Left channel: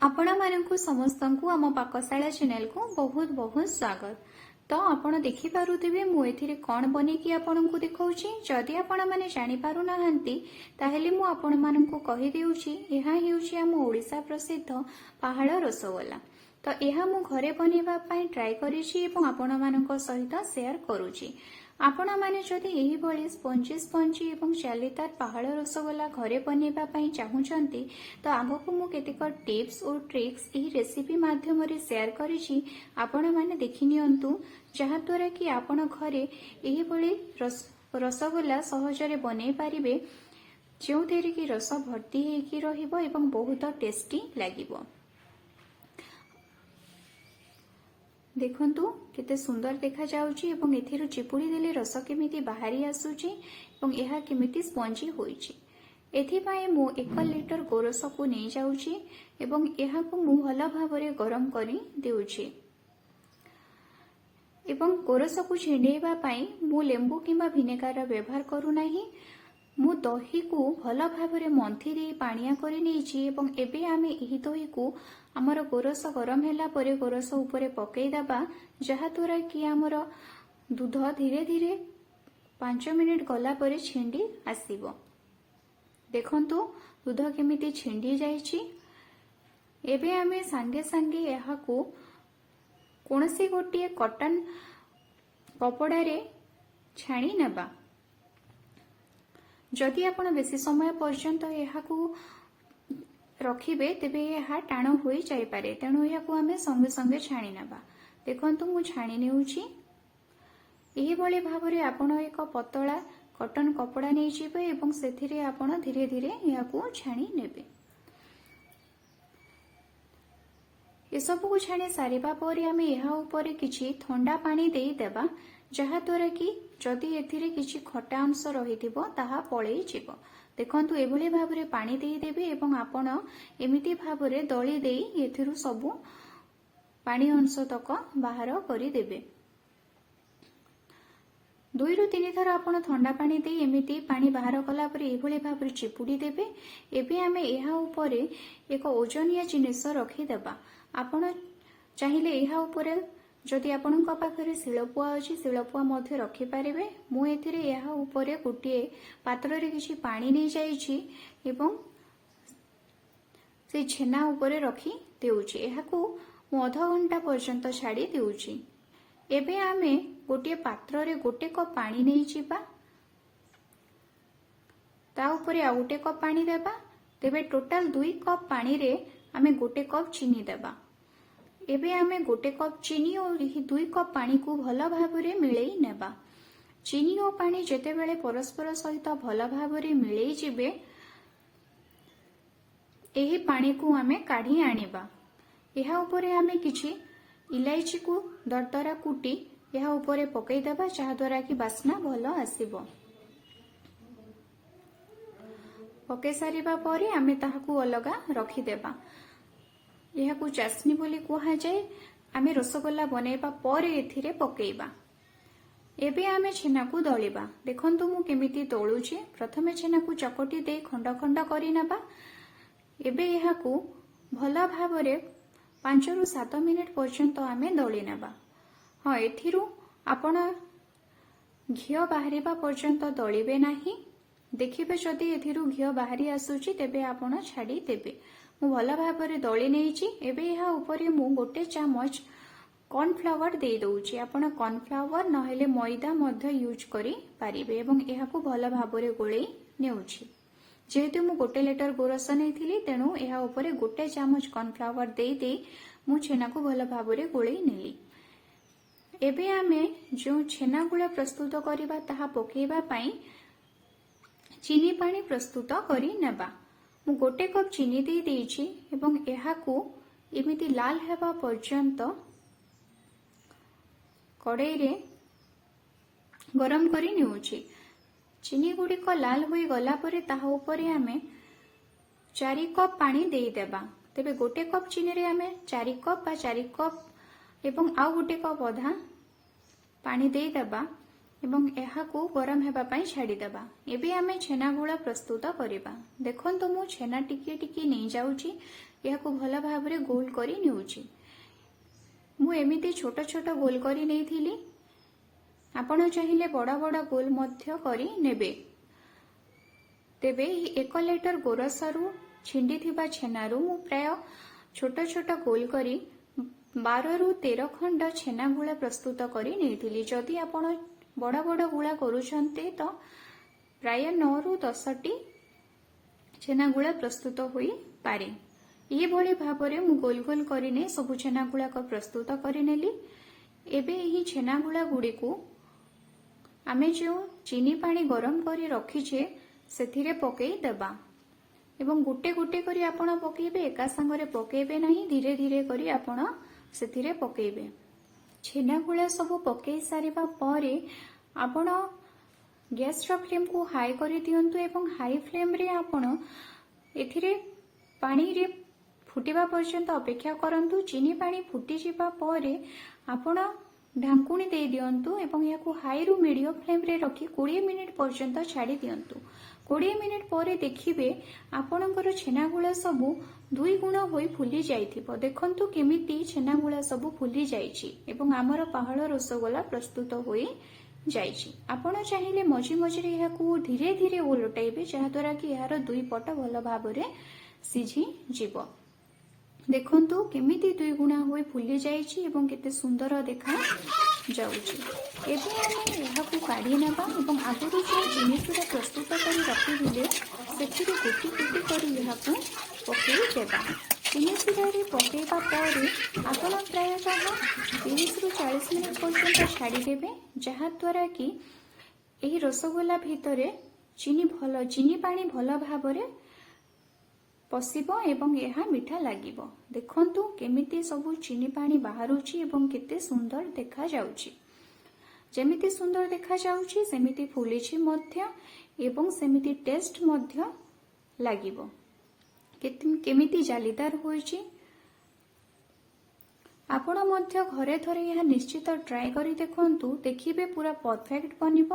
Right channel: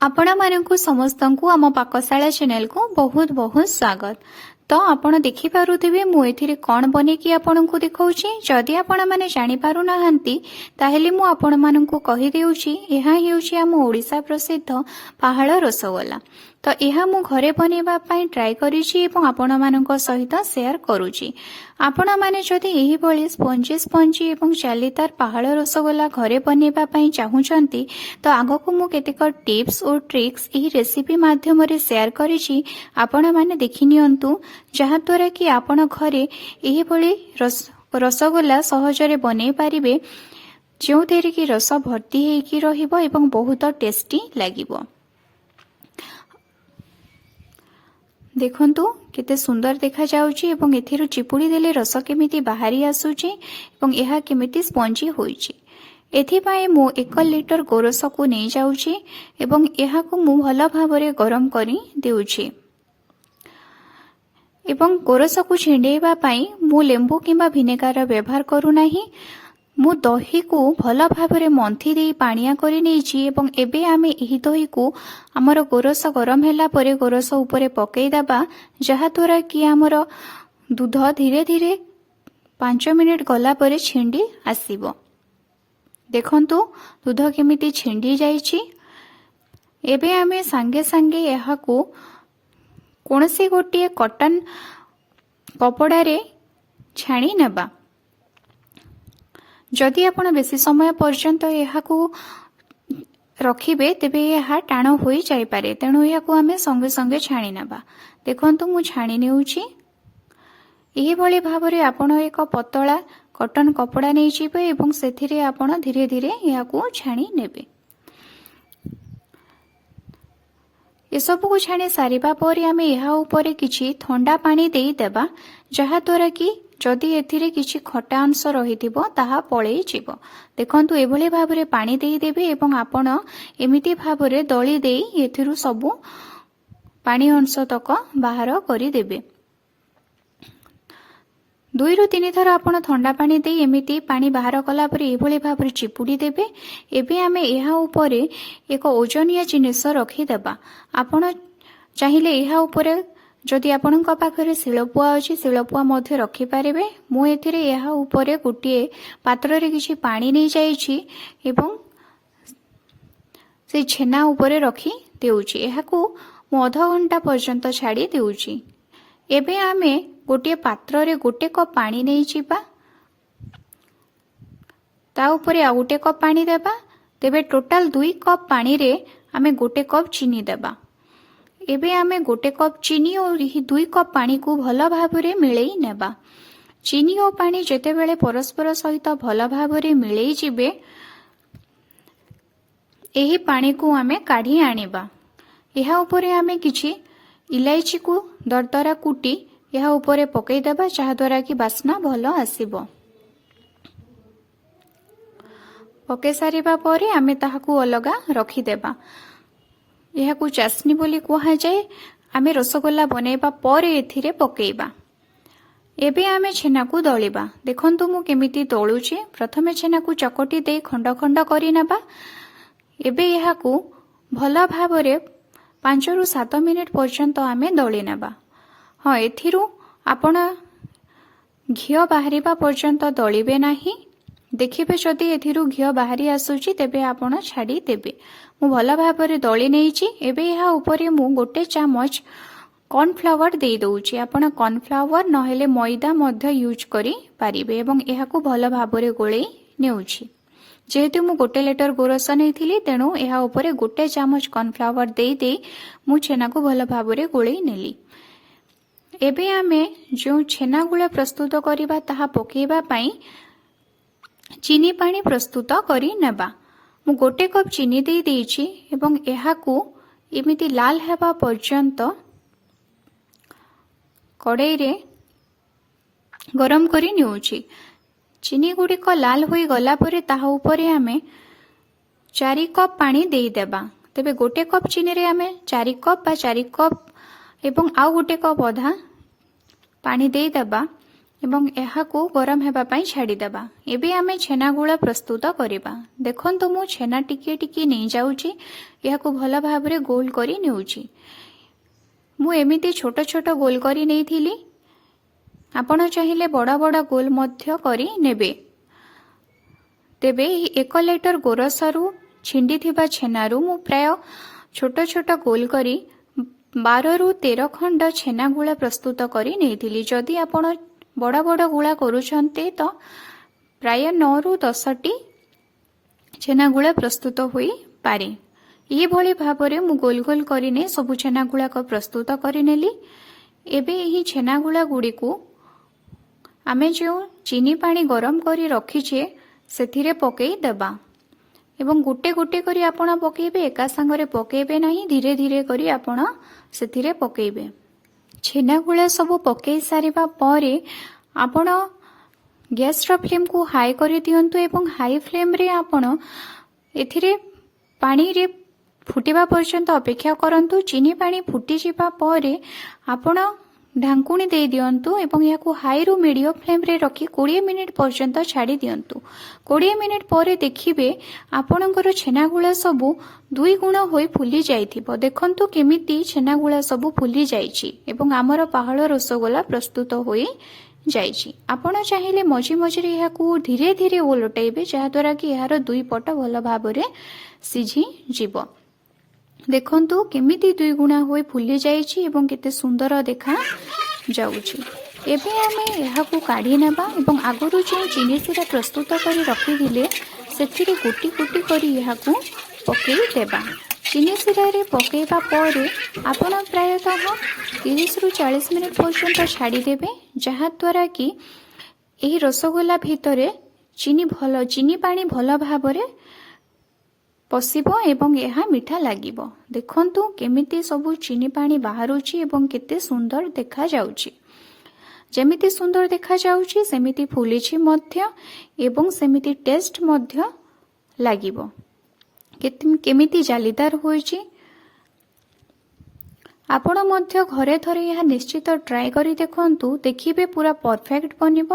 आपण मानकु समस्तंकु आम पाकशाला चैनल को बहुत बहुत स्वागत। तो आपण देखि पारुथिबे मु एथिरे कोन बनेकी आपनकु देखाउची। जदि आपण माने जानि पारु नाहंती ताहेले मु आपण मानकु कहि देउची एहा हेउची आम ओडिसा प्रसिद्ध पहाड़ रसगोला। तो यह मु घरे बनेबा पई ट्राई करिछि एवं आपण मानक सहित शेयर करूची। आपण माने जदि एही भली स्पंजी स्पंजी एवं चालीदार पहाड़ रसगोला घरे बनेबा पई चाहुचंती तो आगको मु केतेक टिप्स और ट्रिक्स एही रेसिपी माध्यम रे शेयर करिछि। आपण माने देखि नियंतु जहा द्वारा कि आपण घरे एही भली रसगोला सहजरे बनै पारिबे, जो थेरे कि रस भर्ती हेकी रहिबो एवं बहुत टेस्टी लागिबो। देखंतु केते सुंदर देखा जाउची एवं एथिरु चिपुड़ी देले रस केमिति बाहरी आसुची एवं एहा केमिति स्पंजी होईची। एथिपाई मु 1 लिटर गोरस को नै जाउची एवं एहा को मु भल भाबरे गरम करी देउची एवं गोरस को छिंडेबा पई मु लेंबू किंबा विनेगार व्यवहार करू नाही। मु दही को भल भाबरे मंथी देई पानिया करी नेछि एवं एबे आमे एही दही को हमर गोरस गरम हैला परे गोरस ऊपर पकई दबा, जहा द्वारा कि हमर दूध धीरे धीरे 5 मिनिट गला परे छिंडी आसीबो। देखंतु दूध केमिति छिंडी जाईछि। एबे आमे संगे संगे एहा को कोनसी गोटिए कॉटन कपड़ा रे छाणी नेबा। जदि आपण बेसी समय पर्यंत एहा को रखिबे तेबे एहा टाण होई जाई पारे, तेणु एहा को आमे संगे संगे छाणी नेबा। देखंतु मु छाणी नेउची। एही भली भाबरे आपण एक पतला कॉटन कपड़ा नै जिबे एवं सेथिरे आपण धीरे धीरे एहा को छाणी नेबे। एसबू को छाणी सारिबा परे आमे एहा उपरे किछि ठंडा पानी देई देबा, जहा द्वारा कि जदि एथिरे किछि खटा अंश रहिथिबो ताहा पळेई जिवो। देखंतु एभली भाबरे पानी देई देबे एवं आपण एमिति भाबरे दळी देई एथिरु सबु पानी अंश तक बाहर करि देबे। 2 रु 3 थर आपण ठंडा पानी देई एमिति पानी बाहर कला परे एभली भाबरे चिपुडी देबे। एबे आमे एहा उपरे एक ओजनिया जिनिस रखि देबा। आपण चाहिले एहा उपरे जदि आपणक पाखरे शिलपुआ अछि शिलपुआ मध्ये रखि पारिबे। मु एथिरे एहा उपरे गुटिए पात्र रे किछि पानी नै जाईछि एवं से छेना उपरे रखि देउछि। एहा को मु आधा घंटा पर्यंत छाडी देउछि। एबे आमे गोटे पात्र रे गोटे कप पानी नै जिबा, ता उपरे आ गोटे कप पानी देबा। तेबे टोटल 2 कप पानी रे आमे गोटे कप चीनी देबा। एबे आमे गोटे कप चीनी और 2 कप पानी को भल भाबरे मिलई नेबा। चीनी और पानी जेते बेले परस्पर सहित भल भाबरे मिलई जिबे, एही पानी को आमे काढी आनिबा। एहा उपरे आमे किछि इलायची को दरदरा कुटी एहा उपरे पकई देबा, जहा द्वारा कि बास्ना भल आसीबो। पके सारिबा परे आमे ताहाकू अलगा रखि देबा। यह को चासनी बोली कहा जाए। आमे रसगोला बनेबा परे एथिरे पकेइबा। एबे आमे छेना को दळिबा। देखंतु मु केमिति दळुची। प्रथमे छेना को चकटी दे खंड खंड करि नेबा। एबे यहा को भला भाबरे 5 रु 7 मिनिट पर्यंत आमे दळि नेबा। हां, एथिरु आपण घियो बाहरिबा पर्यंत दळिबे नाही। देखिबे जदि एथिरु घियो बाहरी आसुची तेबे आपण छाडी देबे। मु भल भाबरे दळि नेइची। एबे यहा उपरे मु गोटे चामच कॉर्नफ्लावर दे दउची। आपण कॉर्नफ्लावर नहेले मैदा मध्य यूज करी पारिबे एवं यहा को भल भाबरे गोळेई नेउची। जेहेतु मु गोटे लिटर गोरस नेइथिली तेणु यहा उपरे गोटे चामच कॉर्नफ्लावर देई देई मु छेना को भल भाबरे गोळेई नेली। एबे आमे जो छेना गुळा प्रस्तुत करिबा ताहा पकेइबा पई चीनी पानी प्रस्तुत करी नेबा। मु गोटे कप चीनी दे देइछि एवं एहा को एमिति लाल हेबा पर्यंत कड़ाई रे गरम करी नेउछि। चीनी गुड़िक लाल होई गला परे ताहा उपरे आमे 4 कप पानी दे देबा। तेबे गोटे कप चीनी रे आमे 4 कप बा 4 कप एवं आउ गोटे कप अधा पानी दे देबा। ଏବଂ ଏହାକୁ ଗରମ ହେବା ପାଇଁ ଛାଡ଼ିଦେବା। ଏବେ ଆମେ ଛେନା ଗୁଳା ପ୍ରସ୍ତୁତ କରିବା। ଦେଖନ୍ତୁ ମୁଁ ଛେନା ଟିକିଏ ଟିକିଏ ନେଇଯାଉଛି, ଏହାକୁ ଭଲ ଭାବରେ ଗୋଲ କରି ନେଉଛି। ମୁଁ ଏମିତି ଛୋଟ ଛୋଟ ଗୋଲ କରି ନେଇଥିଲି, ଆପଣ ଚାହିଁଲେ ବଡ଼ ବଡ଼ ଗୋଲ ମଧ୍ୟ କରି ନେବେ। ତେବେ ଏହି 1 ଲିଟର ଗୋରସରୁ ଛିଣ୍ଡିଥିବା ଛେନାରୁ ମୁଁ ପ୍ରାୟ ଛୋଟ ଛୋଟ ଗୋଲ କରି 12ରୁ 13 ଖଣ୍ଡ ଛେନା ଗୁଳା ପ୍ରସ୍ତୁତ କରି ନେଇଥିଲି। ଯଦି ଆପଣ ବଡ଼ ବଡ଼ ଗୁଳା କରୁଛନ୍ତି ତ ପ୍ରାୟ 9ରୁ 10ଟି ଛେନା ଗୁଳା ପ୍ରସ୍ତୁତ ହୋଇପାରେ। ଏହିଭଳି ଭାବରେ ମୁଁ ଗୋଲ ଗୋଲ କରିନେ ସବୁ ଛେନା ଗୁଳାକ ପ୍ରସ୍ତୁତ କରିନେଲି। ଏବେ ଏହି ଛେନା ଗୁଳା ଗୁଡ଼ିକୁ ଆମେ ଯେଉଁ ଚିନି ପାଣି ଗରମ କରି ରଖିଛେ ସେଥିରେ ପକାଇ ଦେବା ଏବଂ ଗୋଟେ ଗୋଟେ କରି ଆପଣ ପକାଇବେ, ଏକା ସାଙ୍ଗରେ ପକାଇବେ ନାହିଁ, ଧୀରେ ଧୀରେ କରି ଆପଣ ସେଥିରେ ପକାଇବେ। ଛେନା ଗୁଳା ସବୁ ପକାଇ ସାରିବା ପରେ ଆପଣ ଗ୍ୟାସର ଫ୍ଲେମ୍କୁ ହାଇ କରିଦିଅନ୍ତୁ ଏବଂ ହାଇ ଫ୍ଲେମ୍ରେ ଆପଣ ଏଥିରେ ପାଣିରେ ଫୁଟିବା ପର୍ଯ୍ୟନ୍ତ ଅପେକ୍ଷା କରନ୍ତୁ। ଚିନି ପାଣି ଫୁଟିଯିବା ପରେ ଆପଣ ଢାଙ୍କୁଣୀ ଦେଇ ଦିଅନ୍ତୁ ଏବଂ ଏହାକୁ ହାଇରୁ ମିଡ଼ିୟମ ଫ୍ଲେମ୍ରେ ରଖି 20 ମିନିଟ୍ ପର୍ଯ୍ୟନ୍ତ ଛାଡ଼ି ଦିଅନ୍ତୁ। 20 ମିନିଟ୍ ପରେ ଦେଖିବେ ଆପଣଙ୍କର ଛେନାଗୁଳା ସବୁ 2 ଗୁଣ ହୋଇ ଫୁଲି ଯାଇଥିବ। ଦେଖନ୍ତୁ କେମିତି ଛେନାଗୁଳା ସବୁ ଫୁଲି ଯାଇଛି ଏବଂ ଆମର ପାହାଳ ରସଗୋଲା ପ୍ରସ୍ତୁତ ହୋଇ ଯାଇଛି। ଆପଣ ଚାହିଁଲେ ମଝି ମଝିରେ ଏହାକୁ ଧୀରେ ଧୀରେ ଓଲଟାଇବେ, ଯାହାଦ୍ୱାରା କି ଏହାର 2 ପଟ ଭଲ ଭାବରେ ସିଝିଯିବ। ଦେଖନ୍ତୁ କେମିତି 2 ଗୁଣା ହୋଇ ଫୁଲି ଯାଇଛି ଏବଂ କେତେ ସୁନ୍ଦର ଦେଖା ଯାଉଛି। ଏବେ ଆମେ ଏହାକୁ କାଢ଼ି ନେବା ଏବଂ ଆଗରୁ ଯେଉଁ ଚିନି ସିରା ପ୍ରସ୍ତୁତ କରି ରଖିଥିଲେ ସେଥିରେ ଗୋଟି ଗୋଟି କରି ଏହାକୁ ପକାଇ ଦେବା। ଚିନି ସିରାରେ ପକାଇବା ପରେ ଆପଣ ପ୍ରାୟତଃ 30ରୁ 40 ମିନିଟ୍ ପର୍ଯ୍ୟନ୍ତ ଛାଡ଼ିଦେବେ, ଯାହାଦ୍ୱାରା କି ଏହି ରସଗୋଲା ଭିତରେ ଚିନି ପାଣି ଭଲ ଭାବରେ ପଶିବ ଏବଂ ଏହା ମିଠା ଲାଗିବ। ଦେଖନ୍ତୁ କେମିତି ସବୁ ଚିନି ପାଣି ବାହାରୁଛି ଏବଂ କେତେ ସୁନ୍ଦର ଦେଖାଯାଉଛି। ଯେମିତି ସୁନ୍ଦର ଦେଖାଯାଉଛି ସେମିତି ଫୁଲିଛି ମଧ୍ୟ ଏବଂ ସେମିତି ଟେଷ୍ଟ ମଧ୍ୟ ଲାଗିବ। କେମିତି ଜାଲିଦାର ହୋଇଛି। ଆପଣ ମଧ୍ୟ ଘରେ ଥରେ ଏହା ନିଶ୍ଚିତ ଟ୍ରାଏ କରି ଦେଖନ୍ତୁ, ଦେଖିବେ ପୁରା ପରଫେକ୍ଟ ବନିବ।